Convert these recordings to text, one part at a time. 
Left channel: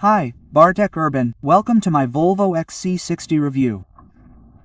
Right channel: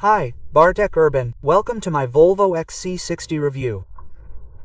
Hi, Bartek Urban, welcome to my Volvo XC60 review.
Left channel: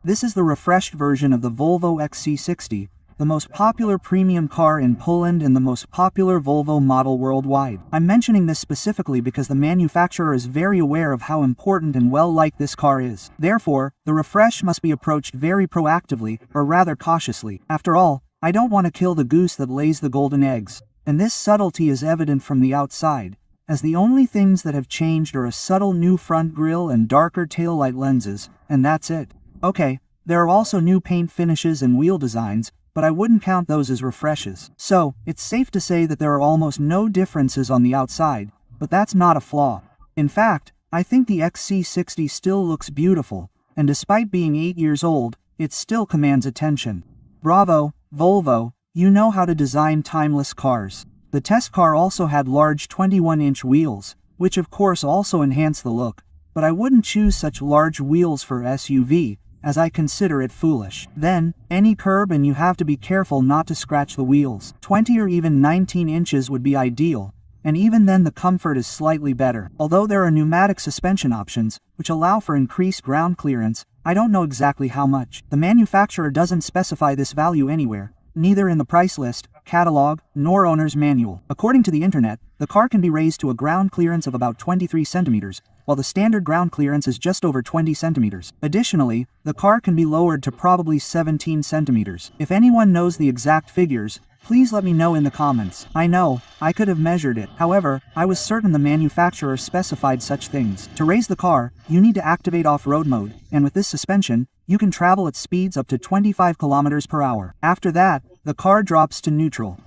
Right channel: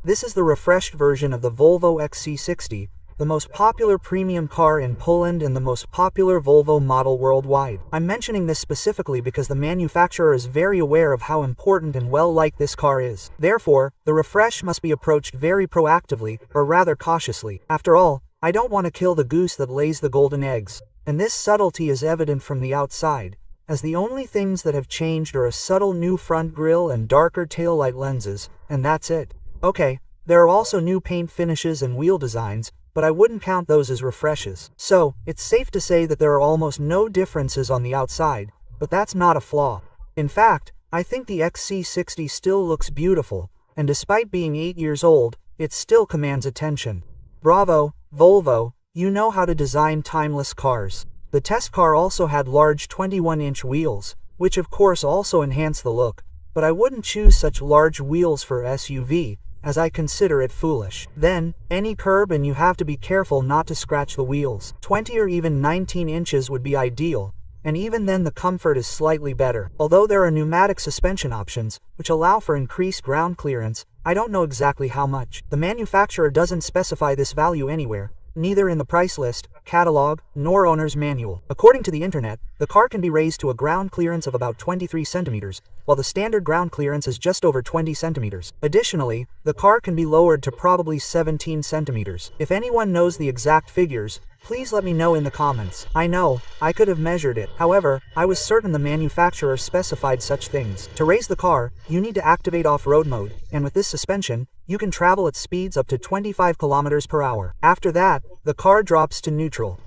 This is the refreshed version of the Volvo XC60, the most popular premium car in Poland and the most popular Volvo model worldwide. I'm mentioning this specifically because the manufacturer is very aware of how important and well-liked this car is. Therefore, the refresh must be approached very proactively, or rather cautiously. After all, I don't want to kill the goose that lays the golden eggs. And this subtlety is evident from the outside, as the only things that have changed are a subtle new front grille and darker taillight lenses, and that's it. Okay, there are also new paint finishes and wheel designs, but I wouldn't count those as refreshes. So, it's safe to say that there are almost no differences on the outside, but that's not a flaw. In fact, I think the XC60 still looks beautiful, and despite being 8 years old, it still commands attention. Bravo, Volvo, you know how to design timeless cars. The test car also had large 21-inch wheels, which of course also enhance the look, but I wouldn't choose such large wheels for SUV, as I consider it foolish. Then, any curb and you have to be careful not to scratch the wheels. 20 or even 19 inches would be ideal, and even then the comfort is slightly better. Although there are pneumatic suspension options, which allow for increased ground clearance, I don't know exactly how much. The manufacturer doesn't specify this value anywhere, neither in the price list, catalog, nor owner's manual. According to the internet, the car can be raised to a ground clearance of about 23 centimeters, while the standard ground clearance is just over 20 centimeters. Additionally, the car can be lowered to probably 17 centimeters. If anyone knows the exact figures, please let me know in the comments. I know, I could have measured it. However, I was certain the manufacturer specified such things. To raise the car, you need to activate off-road mode, and with this suspension, you can travel at speeds up to 25 kilometers per hour. After that, the car drops to neutral.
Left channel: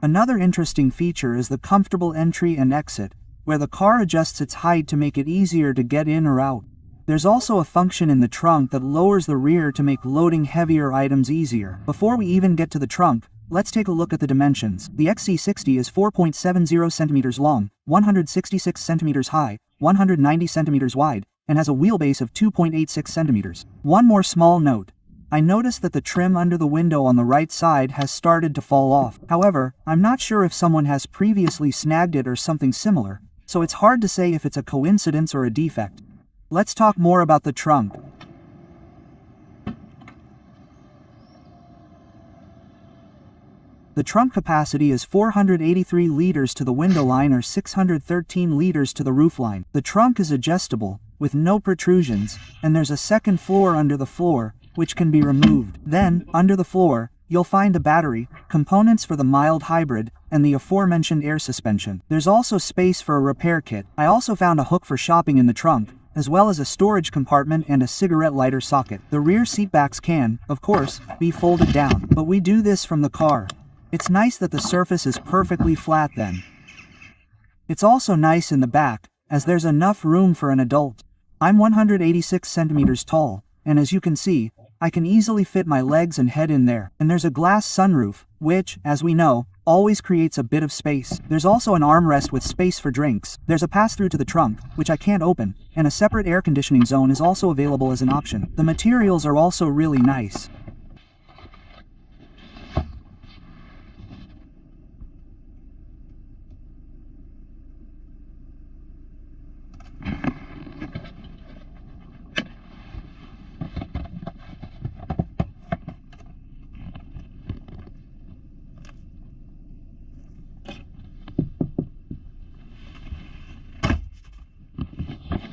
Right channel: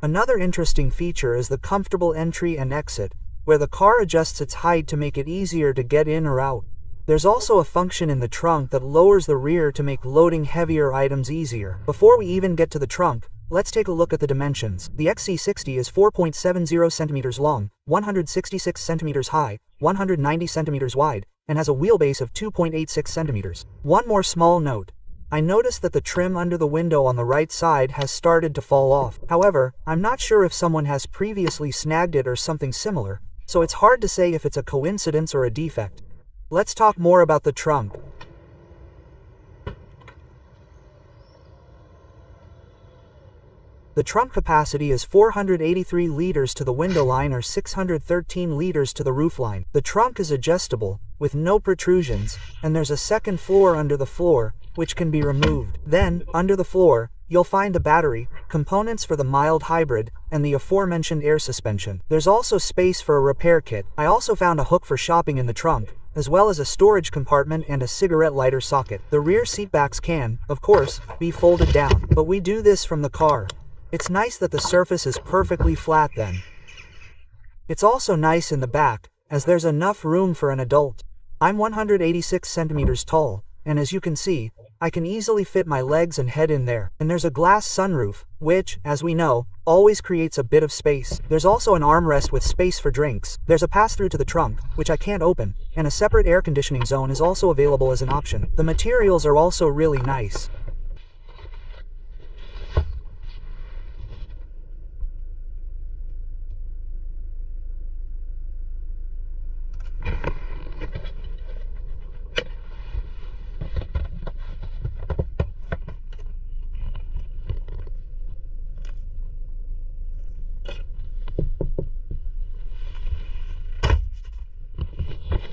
Another interesting feature is the comfortable entry and exit, where the car adjusts its height to make it easier to get in or out. There's also a function in the trunk that lowers the rear to make loading heavier items easier. Before we even get to the trunk, let's take a look at the dimensions. The XC60 is 4.70 centimeters long, 166 centimeters high, 190 centimeters wide, and has a wheelbase of 2.86 centimeters. One more small note. I noticed that the trim under the window on the right side has started to fall off. However, I'm not sure if someone has previously snagged it or something similar, so it's hard to say if it's a coincidence or a defect. Let's talk more about the trunk. The trunk capacity is 483 liters to the window line or 613 liters to the roof line. The trunk is adjustable, with no protrusions, and there's a second floor under the floor, which can be removed. Then, under the floor, you'll find the battery, components for the mild hybrid, and the aforementioned air suspension. There's also space for a repair kit. I also found a hook for shopping in the trunk, as well as a storage compartment and a cigarette lighter socket. The rear seatbacks can, of course, be folded down, but we do this from the car. It's nice that the surface is perfectly flat then. It's also nice in the back, as there's enough room for an adult. I'm 186 centimeters tall, and as you can see, I can easily fit my legs and head in there. And there's a glass sunroof, which, as we know, always creates a bit of space. There's also an armrest with space for drinks. There's a pass-through to the trunk, which I can't open, and a separate air conditioning zone is also available as an option. The materials are also really nice.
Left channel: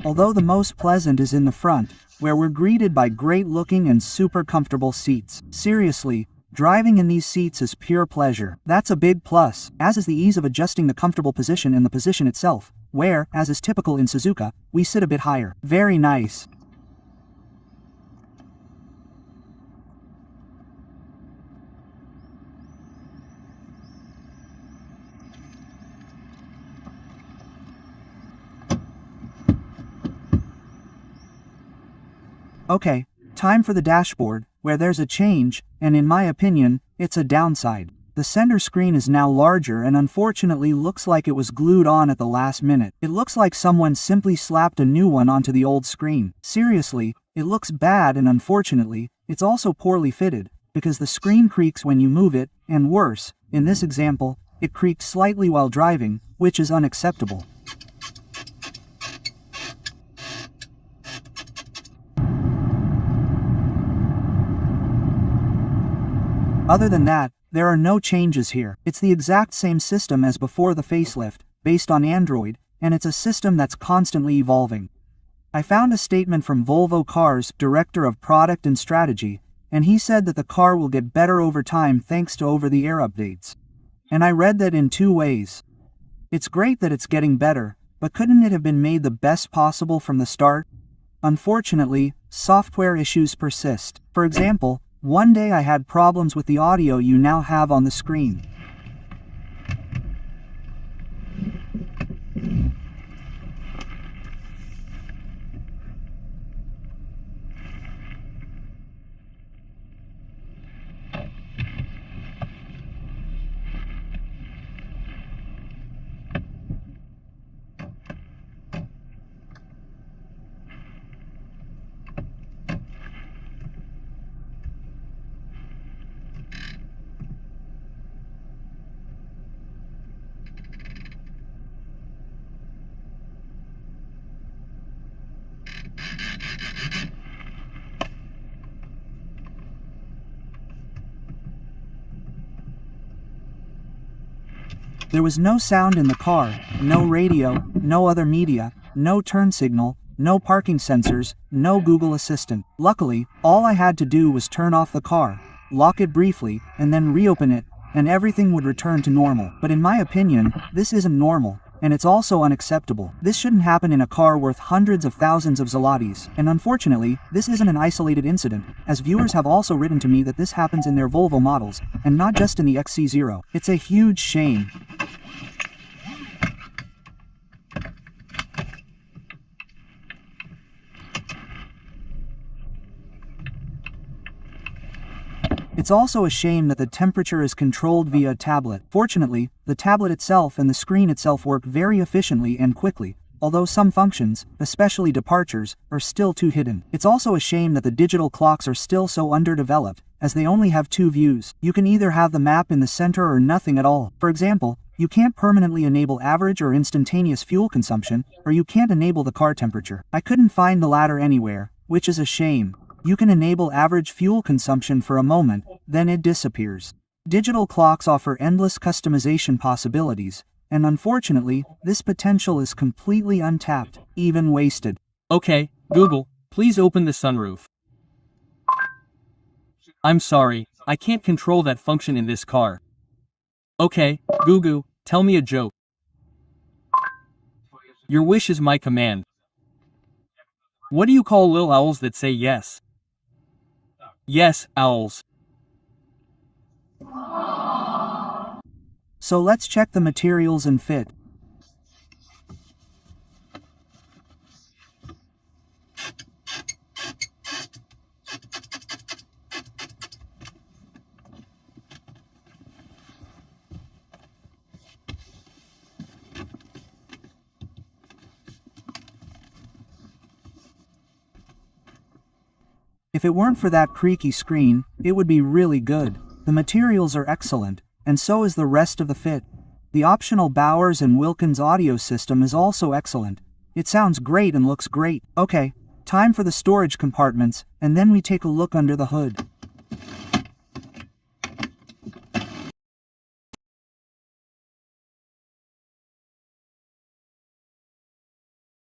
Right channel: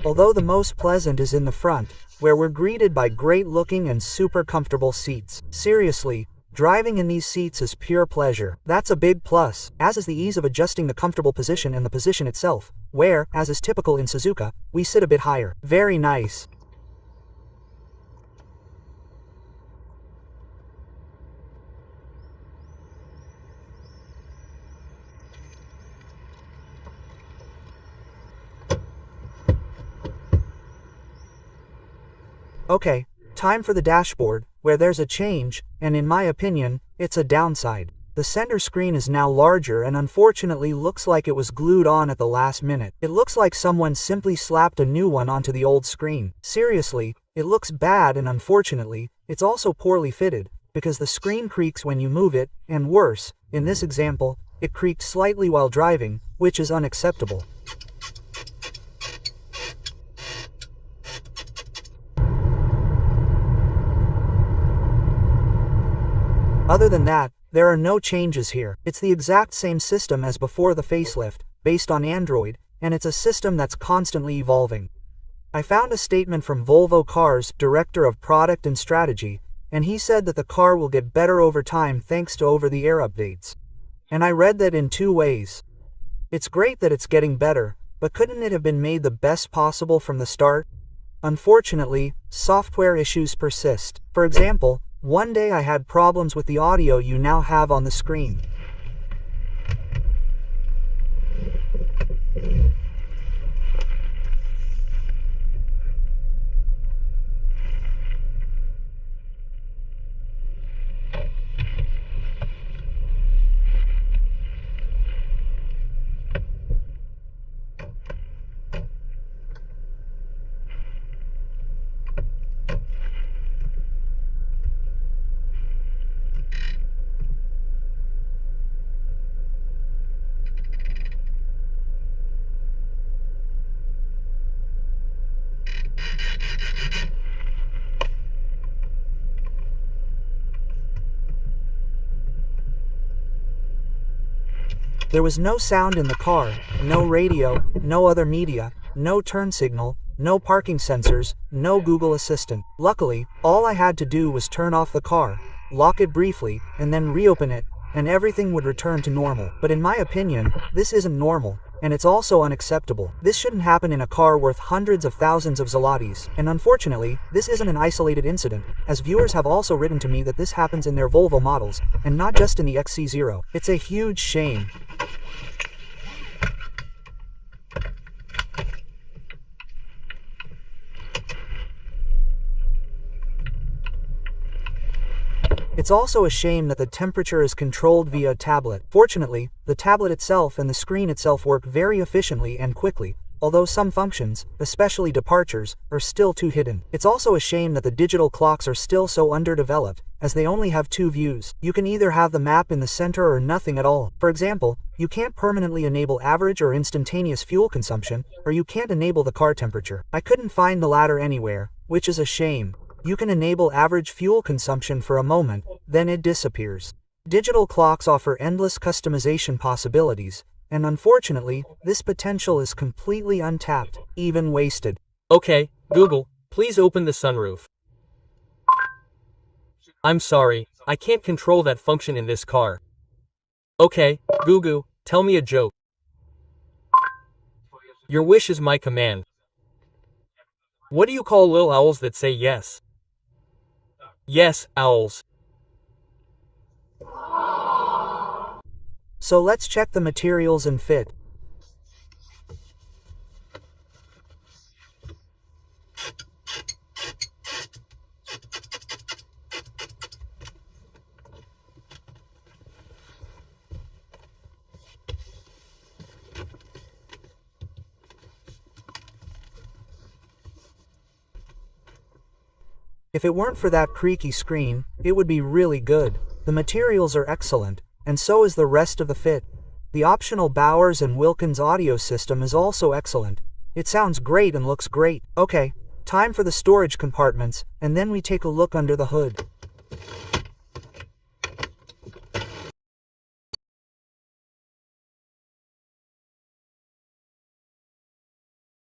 Although the most pleasant is in the front, where we're greeted by great-looking and super comfortable seats. Seriously, driving in these seats is pure pleasure. That's a big plus, as is the ease of adjusting the comfortable position in the position itself, where, as is typical in Suzuka, we sit a bit higher. Very nice. Okay, time for the dashboard, where there's a change, and in my opinion, it's a downside. The center screen is now larger and unfortunately looks like it was glued on at the last minute. It looks like someone simply slapped a new one onto the old screen. Seriously, it looks bad, and unfortunately, it's also poorly fitted, because the screen creaks when you move it, and worse, in this example, it creaked slightly while driving, which is unacceptable. Other than that, there are no changes here. It's the exact same system as before the facelift, based on Android, and it's a system that's constantly evolving. I found a statement from Volvo Cars' Director of Product and Strategy, and he said that the car will get better over time thanks to over-the-air updates. And I read that in two ways. It's great that it's getting better, but couldn't it have been made the best possible from the start? Unfortunately, software issues persist. For example, one day I had problems with the audio you now have on the screen. There was no sound in the car, no radio, no other media, no turn signal, no parking sensors, no Google Assistant. Luckily, all I had to do was turn off the car, lock it briefly, and then reopen it, and everything would return to normal. But in my opinion, this isn't normal, and it's also unacceptable. This shouldn't happen in a car worth hundreds of thousands of zlotys. And unfortunately, this isn't an isolated incident, as viewers have also written to me that this happens in their Volvo models, and not just in the XC60. It's a huge shame. It's also a shame that the temperature is controlled via a tablet. Fortunately, the tablet itself and the screen itself work very efficiently and quickly, although some functions, especially departures, are still too hidden. It's also a shame that the digital clocks are still so underdeveloped, as they only have two views. You can either have the map in the center or nothing at all. For example, you can't permanently enable average or instantaneous fuel consumption, or you can't enable the car temperature. I couldn't find the latter anywhere, which is a shame. You can enable average fuel consumption for a moment, then it disappears. Digital clocks offer endless customization possibilities, and unfortunately, this potential is completely untapped, even wasted. Okay, Google, please open the sunroof. I'm sorry, I can't control that function in this car. Okay, Google, tell me a joke. Your wish is my command. What do you call little owls that say yes? Yes, owls. So let's check the materials and fit. If it weren't for that creaky screen, it would be really good. The materials are excellent, and so is the rest of the fit. The optional Bowers & Wilkins audio system is also excellent. It sounds great and looks great. Okay, time for the storage compartments, and then we take a look under the hood.